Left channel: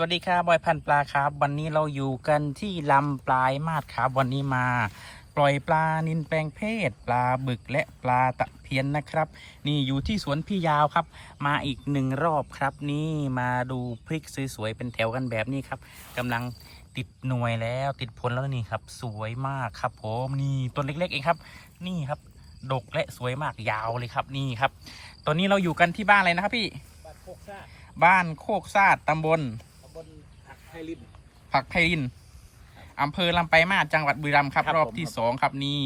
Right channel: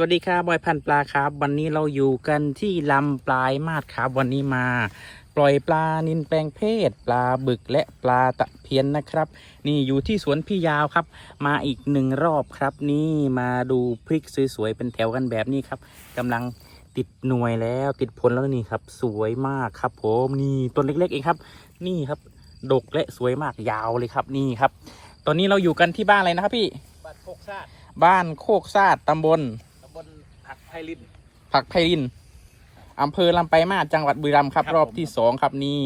วัสดีครับบอยพันปลาครับ วันนี้เราอยู่กันที่ลำปลายมาดครับวันนี้มา ปล่อยปลานินแปลงเพศ ปลาบึกและปลาตะเพียนนะครับ นี่อยู่ที่สวนพี่ยาวครับ มาอีกหนึ่งรอบครับ นี่มาดูพริกสวยๆเป็นแถวกันแบบนี้ครับกำลังติดหน่วยแล้วติดผลแล้วนี่ครับ สวยมากครับผมนี่ต้นเล็กๆเองครับ นี่ครับดกและสวยมากยาวเลยครับนี่ครับ ตอนนี้เราอยู่กันที่บ้านอะไรนะครับพี่บ้านโคกซาดบ้านโคกซาดตำบลตำบลผัก ไพลิน ผักไพรินอำเภอลำไปลายมาศจังหวัดบุรีรัมย์ครับ ครับรอบผมที่สองครับนี่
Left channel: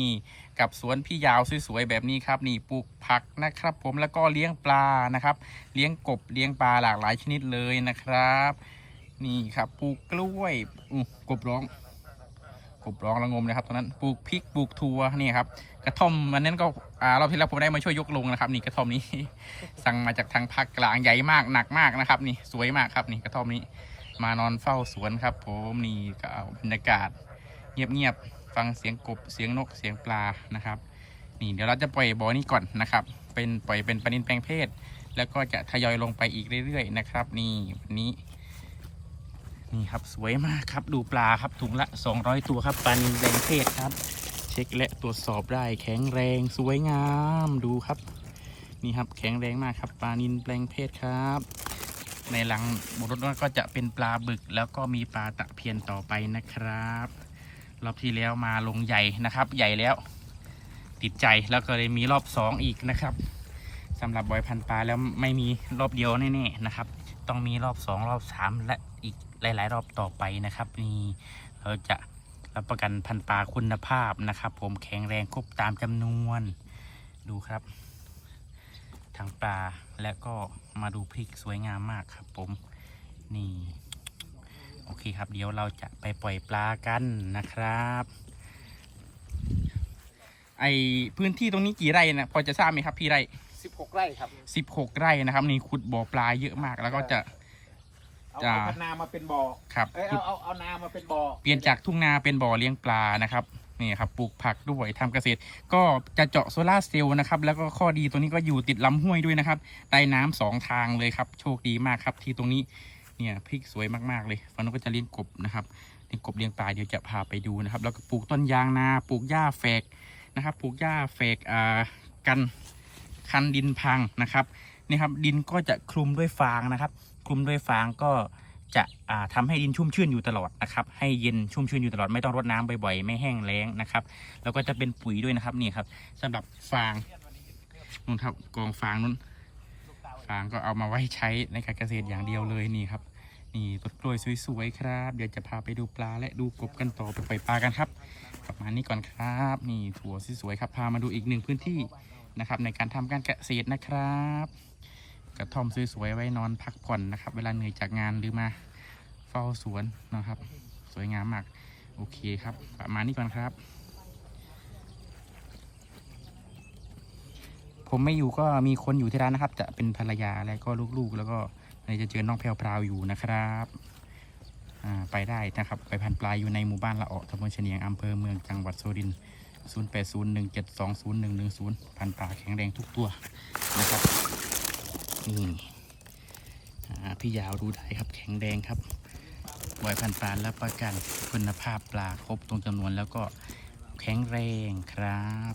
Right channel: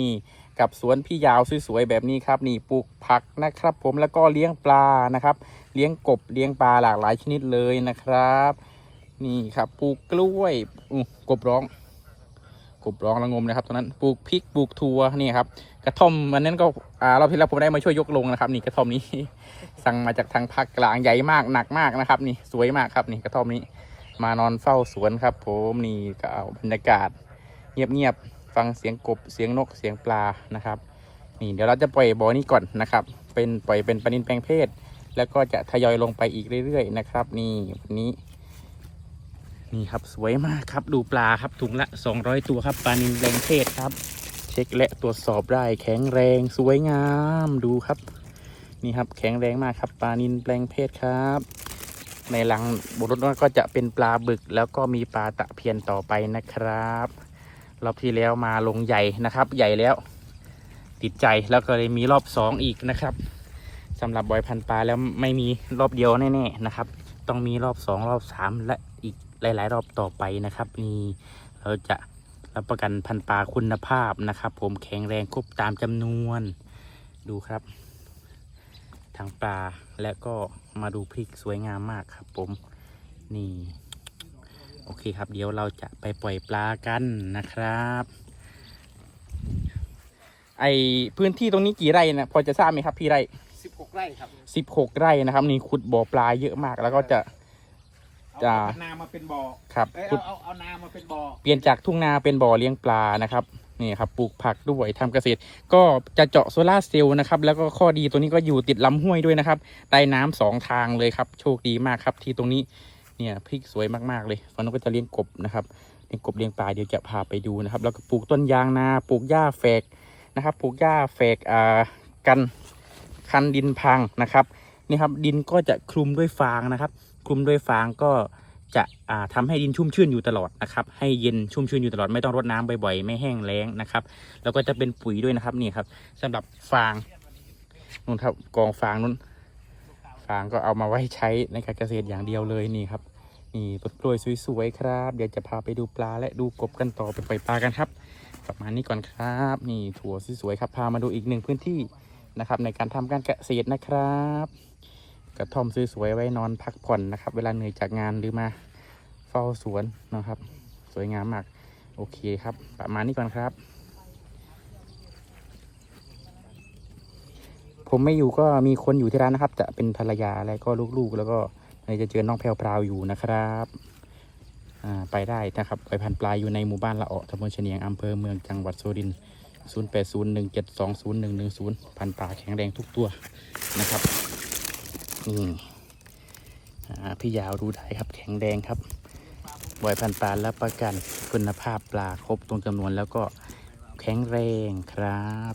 กับสวนพี่ยาวสวยๆแบบนี้ครับ นี่ปลูกผักนะครับ ผมแล้วก็เลี้ยงปลานะครับ เลี้ยงกบเลี้ยงปลาหลากหลายชนิดเลยนะครับ นี่ครับปลูกกล้วยอู้กบร้อง กบร้องระงมนะครับตอนนั้นปลูกพริกปลูกถั่วนี่ครับ กระท่อมวันนั้นก็อ่าเราพี่เราผมได้มาช่วยยกลงนะครับ นี่กระท่อมนี้ สั่งมาจากทางภาคกลางใหญ่มากหนักมากนะครับ นี่สวยมากครับนี่กระท่อมนี้ มานอนเฝ้าสวนครับ ผมนี่ก็เอาบรรยากาศเงียบๆฟังเสียงกบเสียงนกเสียงปลานะครับ นี่เดี๋ยวเราจะปล่อยบ่อนี้ก่อนนะครับ เป็นปล่อยเป็นปลานินแปลงเพศ แล้วก็จะทยอยลงไปอีกเรื่อยๆนะครับ นี่วันนี้ นี่ครับสวยมากครับดูปลาครับถุงละ 200 ตัวครับปลานินแปลงเพศครับ เช็คและตรวจสอบได้แข็งแรงสวยงามดูครับ นี่ครับแข็งแรงมากครับปลานินแปลงเพศครับ ในหลังบุรุษก็จะเป็นปลาบึก แล้วก็มีปลาตะเพียนต่อไปนะครับรอบที่แล้วมาลงใหญ่นะครับ ใหญ่แล้ว ติดใจแล้วก็เลยมีรอบสองอีกนะครับสำหรับบอยพันปลาแล้วไม่มีรอบเดียวแน่ๆนะครับ ต้องมีรอบสองรอบสามและอีกหลาย ๆ รอบต่อไปนะครับนี่เราจะรับประกันพันปลาคุณภาพนะครับ ผมแข็งแรงครบตามจำนวนดูครับทั้งปลา และก็มาดูพริกสวยงามมากครับผมนี่โอเคครับเดี๋ยวเราจะไปปล่อยปลากันนะครับ ไอพื้นที่ตรงนี้กี่ไร่นะพอจะทราบไหมครับพี่ไร่16ไร่ครับสิบหกไร่นะครับนี่ขุดบ่อปลาเยอะมากแล้วก็จะ เอาจ้าเอานามาเป็นบ่อครับเอ้ยขุเอาดเอาเอานามาเป็นบ่อเปลี่ยนจากทุ่งนาเป็นบ่อเลี้ยงปลานะครับ นี่ครับปลูกผักด้วยทำเกษตร ก็จะเจาะโซลาร์เซลล์นะครับแล้วก็ข้อดีตัวนี้ก็อยู่ติดลำห้วยด้วยนะครับใต้น้ำสองทางเลยครับ โชคดีมากครับที่ตรงนี้เนี่ยพริกสวยมากๆเลยวันนี้ก็จะเลี้ยงกบนะครับเลี้ยงกบเลี้ยงปลาเดี๋ยวจะพาไปดูนะครับ แล้วก็ปลูกต้นยางนาปลูกหญ้าแฝกนะครับปลูกหญ้าแฝกอ่ากันคันดินพังนะครับนี่ครับดินก็จะคลุมด้วยฟางนะครับ คลุมด้วยฟางก็ จะอ่าทำให้ดินชุ่มชื้นอยู่ตลอดนะครับ ให้เย็นชุ่มชื้นอยู่ตลอดไม่ต้องรดน้ำบ่อยๆ ไม่แห้งแล้งนะครับ แล้วก็จะเป็นปุ๋ยด้วยนะครับนี่ครับสำหรับฟางนู่นครับกองฟางนู้น ฟางก็เอามาไว้ใช้ในการเกษตรอย่างเดียวเลยนี่ครับนี่ต้นกล้วยสวยๆครับ เดี๋ยวจะพาไปดูปลาและดูกบกันต่อไปปล่อยปลากันครับกลับมานี่ก่อนครับนี่ถั่วสวยๆครับพามาดูอีกหนึ่งพื้นที่นะครับ ในการทำการเกษตรนะครับ ระท่อมสวยๆไว้นอนพักผ่อนนะครับ เวลาเหนื่อยจากงานหรือมาเฝ้าสวนนะครับ สวยงามมากโอเคครับ ประมาณนี้ก่อนครับ ผมไม่อยู่ก็มีคนอยู่ที่ร้านนะครับ จะเป็นภรรยาและก็ลูกๆ แล้วก็ในจะเจอน้องแพรวพราวอยู่นะครับไปได้นะครับไปพันปลายอยู่ในหมู่บ้านละเอตำบลเฉนียงอำเภอเมืองจังหวัดสุรินทร์0 8 0 1 7 2 0 1 1 0 พันปลาแข็งแรงทุกตัวนะครับ นี่พี่ยาวดูได้ครับแข็งแรงครับบอยพันปลารับประกันคุณภาพปลาครบตรงจำนวนแล้วก็แข็งแรงครับ